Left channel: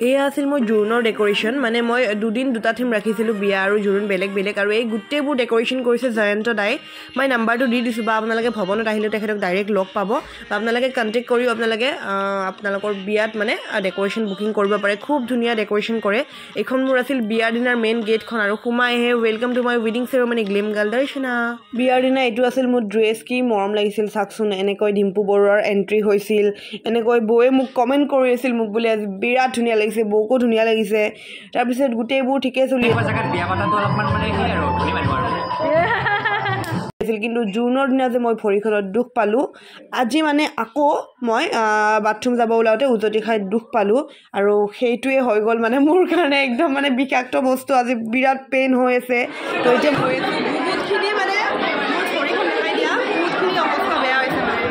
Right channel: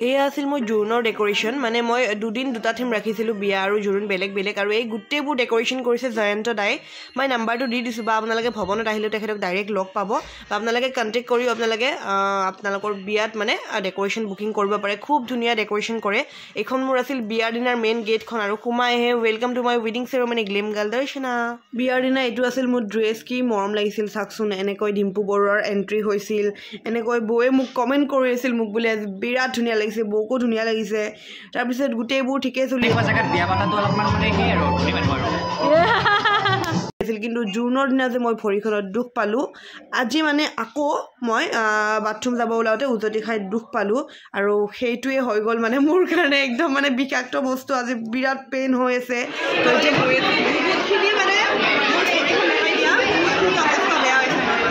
এয়া আছিল মই জোৰোণৰ ডেকোৰেশ্যন মানে মই দুদিন দুটা থিম ৰাখিছিলোঁ বিয়া আৰু জোৰোণ বেলেগ বেলেগ আৰু এই গোটেইবোৰ ডেকোৰেশ্যন কৰিছে জয়ন্ত দাই মই নাম্বাৰটো দি দিছোঁ বা আপোনালোকে ভৱনত আহিলে তেখেতক ডাইৰেক্ট লগ পাব বা আপোনালোকে কণ্টেক্ট কৰিও আপোনালোকৰ বিয়াত মানে ডেকোৰেশ্যন বুকিং কৰিব পাৰে খুব ধুনীয়া ডেকোৰেশ্যন কৰে এইখন মোৰ আছিল বিয়াৰ দিনাৰ মেইন গেটখন আৰু সোমাই আহে ৱেলকাম টু মাই ৱেডিং চেৰেমনি গ্লেম গাৰ্ল দৰ্শনা বিয়াৰ দিনা এইটো আছিল মোৰ ড্ৰেছ কি মৰম লাগিছিল চাওকচোন এনেকৈ ডিম্পু বৰুৱাৰ এণ্ট্ৰি হৈছিল এনেকৈ বৌয়ে মোক কমেণ্ট কৰি আছিল মোক বোলে আজি বিৰাট ধুনীয়া লাগিছে বৌকো ধুনীয়া লাগিছে তাৰপিছত গোটেইবোৰ ঠিকে চলি আছিল কিন্তু জুনৰ দিনা যে মই ভৰিখনত দুখ পালোঁ আজি মানে আকৌ মই বাথৰুম যাব ওলাওঁতে উজতি খাই দুখ পালোঁ আৰু সেইটোৱে হৈ গ'ল মানে মোৰ কাৰণে একদম মানে বিষাক্ত বস্তু আজি বিৰাট পেইন হৈ আছে তো এতিয়া বহুতখিনি মানে মোৰ ভৰিখন দেখাই দিয়া বহুতখিনি অৱস্থা বেয়া হৈছে মানে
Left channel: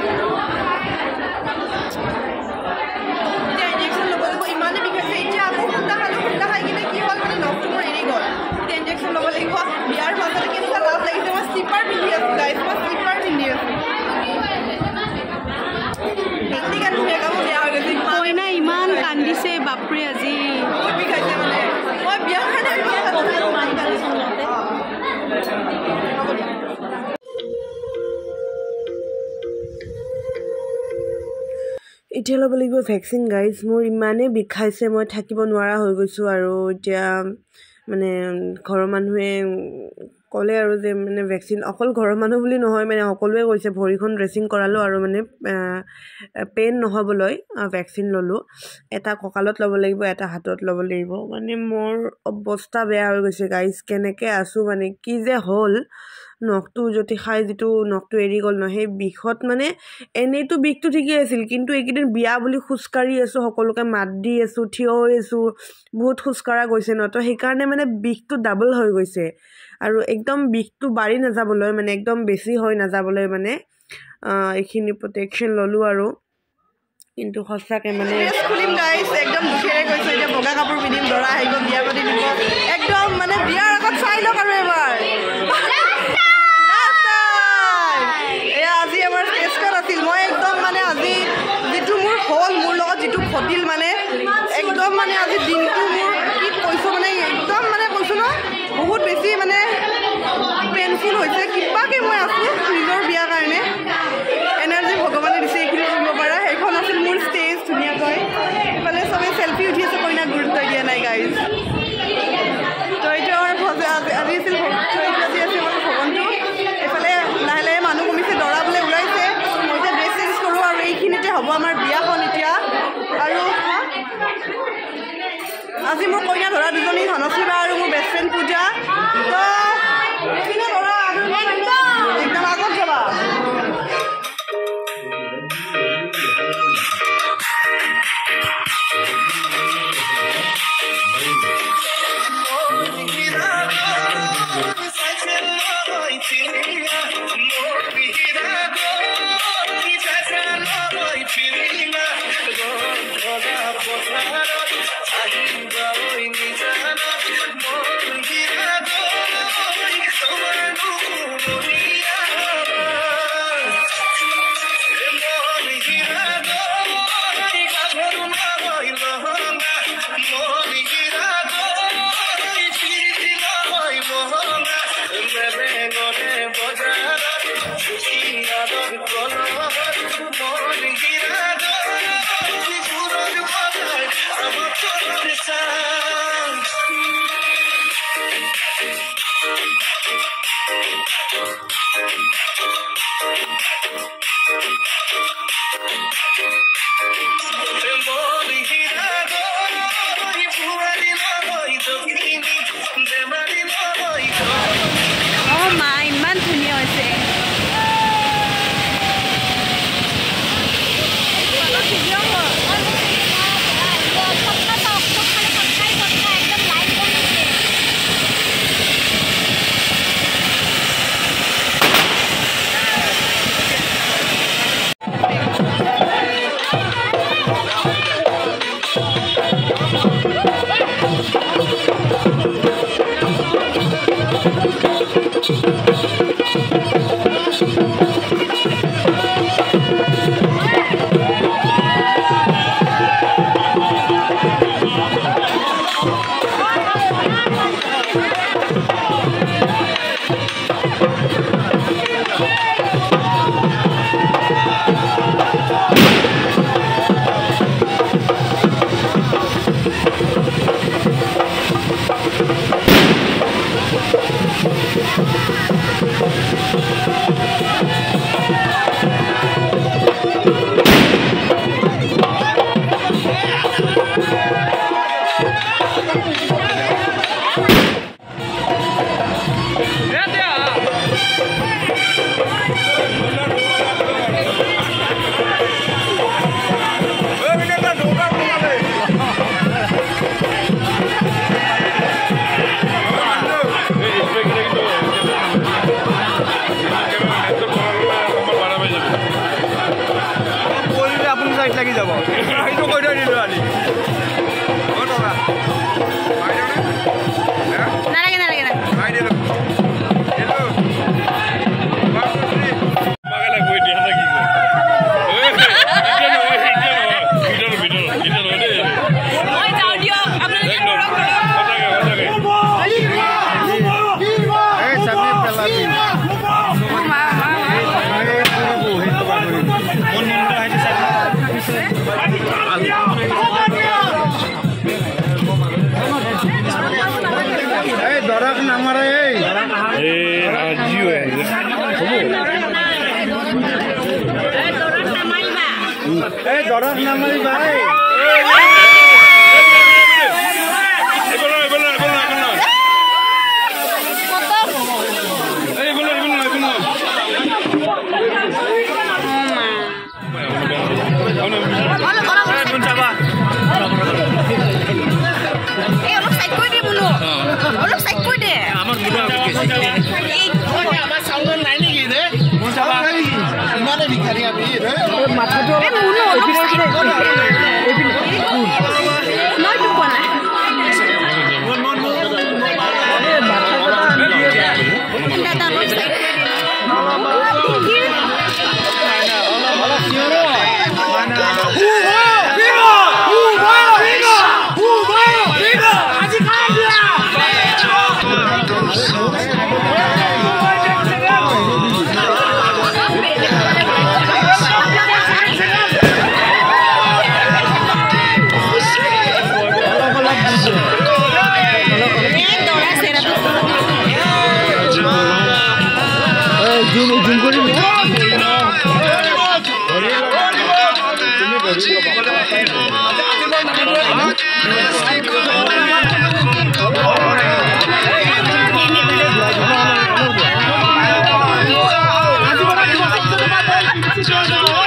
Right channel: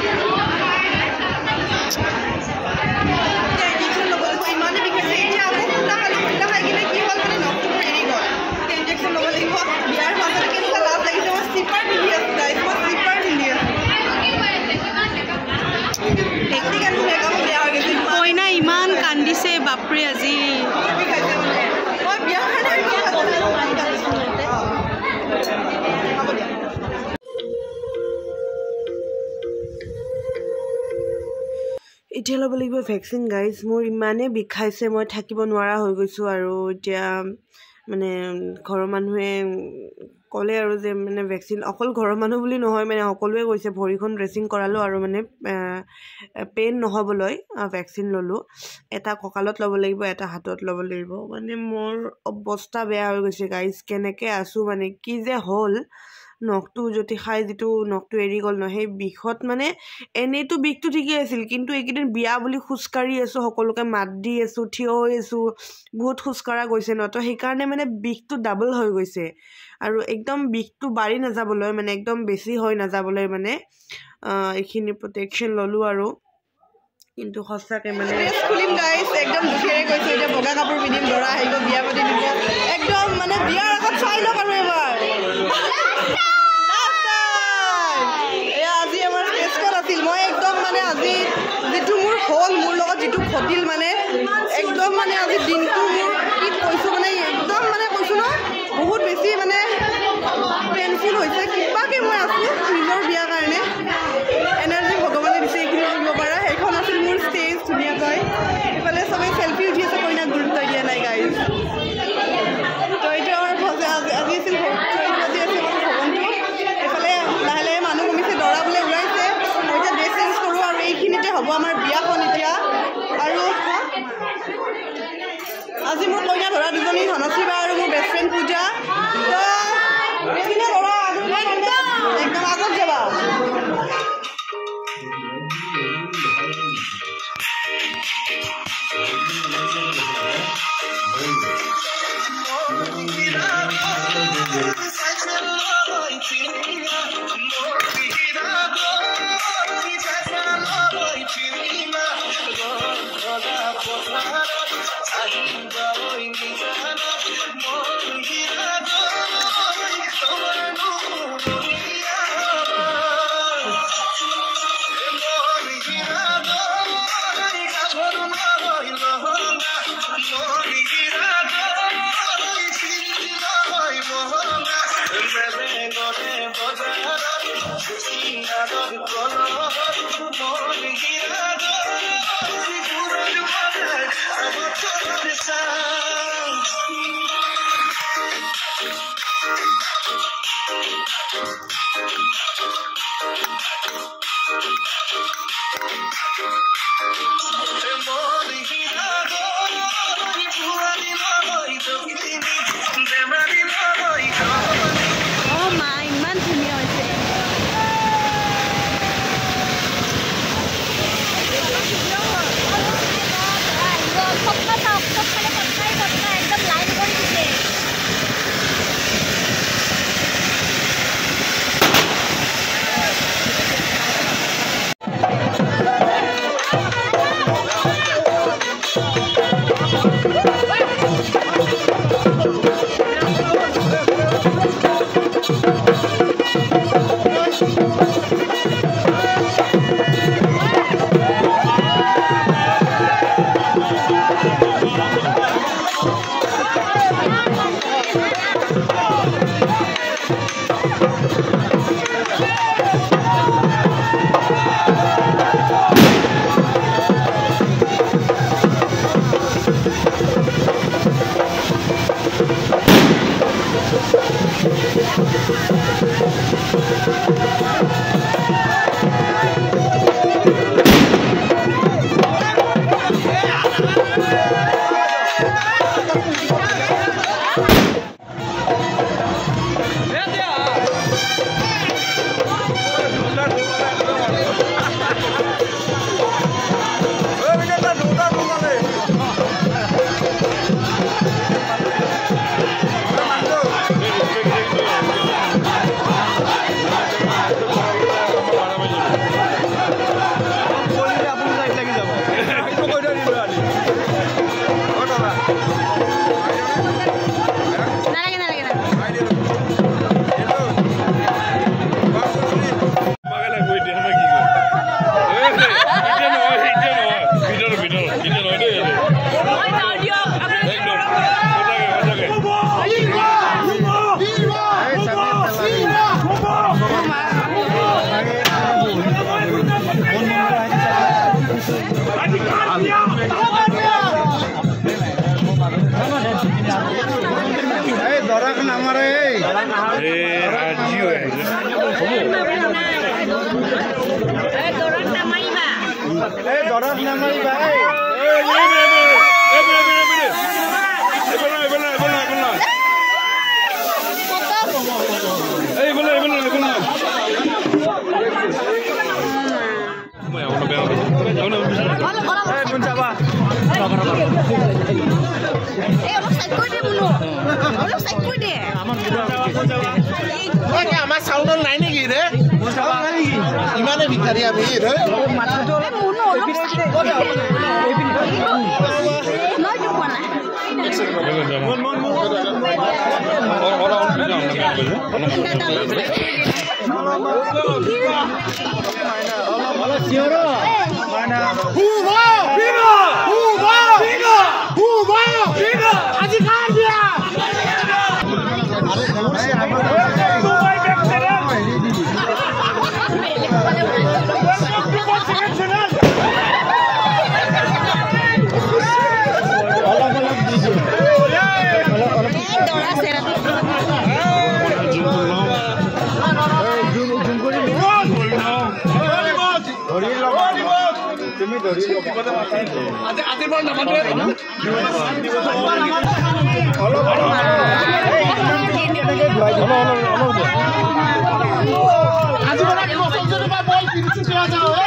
ইঞ্জেকশ্যন ল'ব লাগিব ইমানেই বিষাইছে এতিয়া আকৌ খুন্দা খাই কিনে কি হ'ল মানে নখটো মোৰ এৰি গ'ল এতিয়া ইঞ্জেকশ্যন ল'ব লাগিব বিয়াৰ মাজতে কেনেকুৱা লাভ লাগিছে মই স্লিপাৰ পিন্ধি আছোঁ গাইজ মই স্লিপাৰ পিন্ধি আছোঁ টেকনিকেল মেকআপো বেয়া হৈ গৈছে কইনা ইমান কান্দিছে বাপৰে আজি বহুত বিষাইছে মানে মই বিয়াৰ কাৰণে হ'ব দিয়া এতিয়া ল'ব লাগিব ভেকচিন গাইজ মোৰ ইমানেই বিষাইছে মই থাকিব নোৱাৰা হৈ গৈছোঁ আৰু এতিয়া মানে ঘৰৰ মানুহে ক'লে আৰু যে মানে ভেকচিন অকল ঘৰৰ মানুহ বুলি নহয় মানে সকলোৱে কৈছে ভৰিখন ড্ৰেছিং কৰালোঁ আৰু মানে পেইন নহ'বলৈ ভেকচিন ল'লোঁ এটা কঁকালত ল'ব লাগিব এটা হাতত ল'ব লাগিব মানে মোৰ অৱস্থা বেয়া হৈ গৈছে গাইজ কেনেকৈ আছোঁ মানে কি যে হ'ল নখটো উজতি খাই যিটো নখটো এৰি গ'ল ন সেই বিষত মানে এনেইতো বিষটো ঠিকেই আছিল কিন্তু এইকেইদিন বিয়া বুলি খোজকাঢ়ি আছোঁ সকলোকে মাত দি আছোঁ থিয় হৈ আছোঁ বহুত খোজকঢ়া গৈছে ন তো সেইকাৰণে মানে বিষটো ডাবল হৈ গৈছে আৰু একদম বিষটো বাঢ়ি নাযাবলৈ মানে একদম বেছি হৈ নাযাবলৈ মানে এইখিনি প্ৰটেকশ্যন ল'লোঁ আৰু কিন্তু সঁচাকৈ মানে ড্ৰেছ খুলিম গাইজ একদম দুখেৰে কৈছোঁ এতিয়া বগা কাপোৰ পিন্ধিম দৰা আহিব বিয়া পাতি দিব একদম মানে বিয়াৰ আগত চাই লওক আৰু এবাৰ আজি আমাৰ ষ্টেজখন আছিল মই একদম মানে আজি যিটো মোৰ হ'ল মোৰ লগত যিটো ঘটিল মানে একদম মানে আজি দিনটো মোৰ কি কৈছোঁ মানে একদম মানে কৈছোঁ ন বহুত বেছি মানে পেইনফুল হৈছে কিবাকৈ মই আছোঁ নিজৰ বিয়াৰ কাৰণে এনাৰ্জি ভগৱানে দিছে এইখিনি কৰিব পৰা সেইখন আছিল মোৰ ষ্টেজ ধুনীয়াকৈ এইফালে চবেই চেল্ফি উঠি আছে কইনাক গুৰুত্ব দিয়া নাই গাইজ তো এইটো আমাৰ আজি আছিল আজি আছে আমাৰ ভৱনটো এইফালে লাহে লাহে মানুহ কমিছে দৰা বোলে ওলাইছে মই এতিয়া ড্ৰেছ চেঞ্জ কৰোঁ আৰু এইখিনিতে হ'ব আমাৰ বিয়াখন এতিয়া আৰু আজি মোৰ কইনা ধৰা দুজনী ধনশ্ৰী বা আৰু মোৰ বেষ্ট ফ্ৰেণ্ড পূজা তো এইখিনি ধৰা একদম আগত যাবা Let's go.